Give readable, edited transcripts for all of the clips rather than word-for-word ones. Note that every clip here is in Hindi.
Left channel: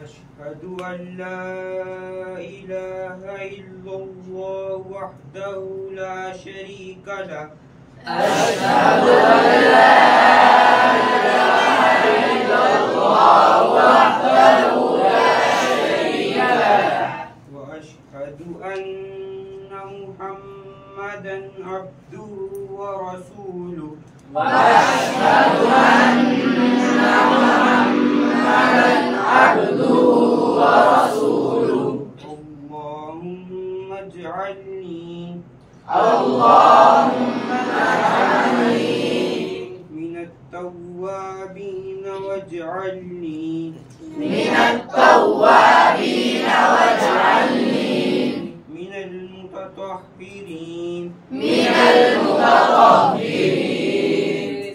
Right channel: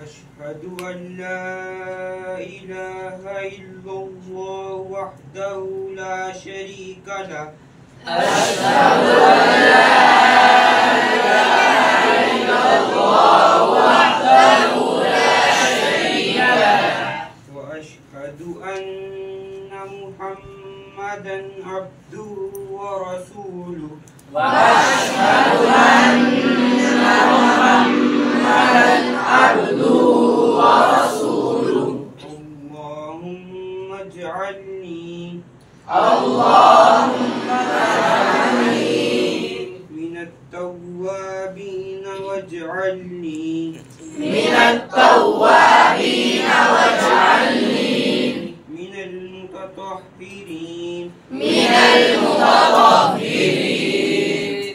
अशहदु अल्ला इलाहा इल्लल्लाह वहदहु ला शरीका लह अशहदु अल्ला इलाहा इल्लल्लाह वहदहु ला शरीका लह व अशहदु अन्ना मुहम्मदन अब्दुहु व रसूलुहु वअशहदु अन्ना मुहम्मदन अब्दुहु व रसूलुहु अल्लाहुम्मा इज्अलनी मिनत तव्वाबीन वज्अलनी मिनत तव्वाबीन वज्अलनी मिनल मुतत्तहिरीन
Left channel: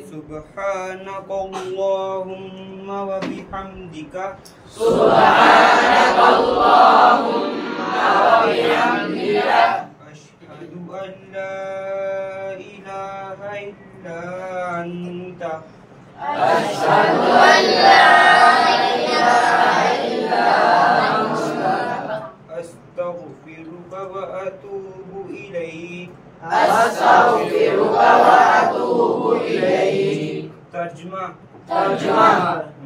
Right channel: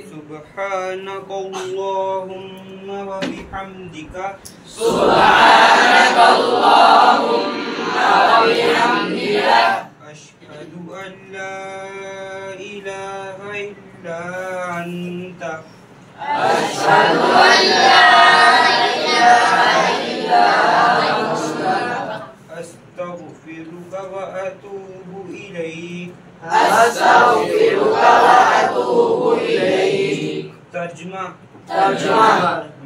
सुब्हानकल्लाहुम्मा व बिहम्दिका सुब्हानकल्लाहुम्मा व बिहम्दिका अशहदु अल्ला इलाहा इल्ला अंता अशहदु अल्ला इलाहा इल्ला अंता अस्तगफिरुका व अतूबु इलैक अस्तगफिरुका व अतूबु इलैक। तर्जुमा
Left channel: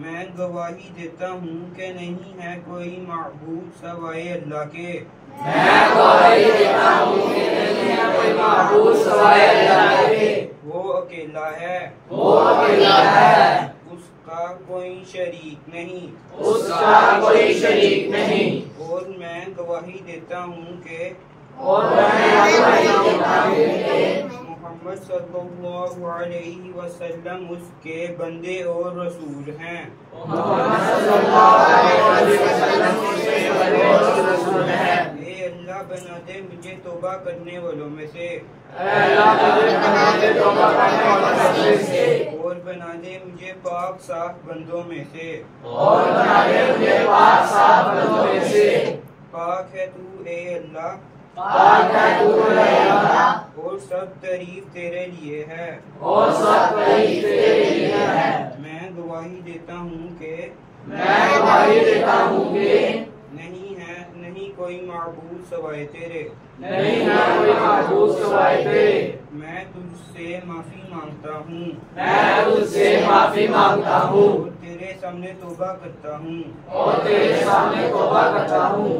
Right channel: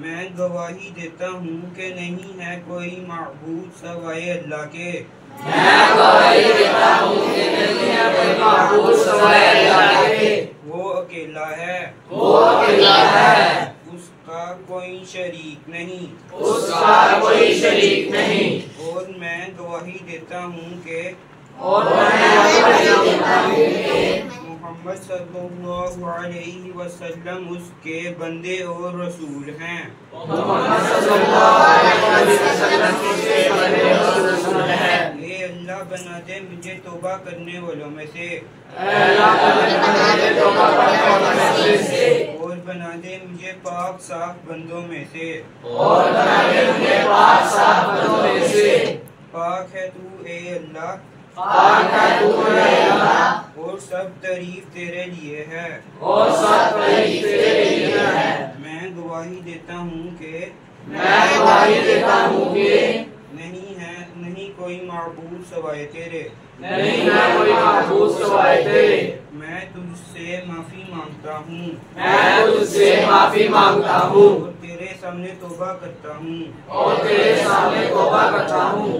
मैं गवाही देता हूँ कि नहीं है कोई माबूद सिवाय अल्लाह के। मैं गवाही देता हूँ कि नहीं है कोई माबूद सिवाय अल्लाह के। वो अकेला है उसका कोई शरीक नहीं और मैं गवाही देता हूँ कि मोहम्मद सल्लल्लाहु अलैहि वसल्लम उसके बंदे और रसूल हैं। ए अल्लाह बना दे मुझे तौबा करने वालों में से और बना दे मुझे पाक साफ बंदों में से। पाक है तू ए अल्लाह और सब तारीफ तेरे लिए है। मैं गवाही देता हूँ कि नहीं कोई माबूद सिवाय तेरे। मैं तुझसे माफी मांगता हूँ और तेरे सामने तौबा करता हूँ।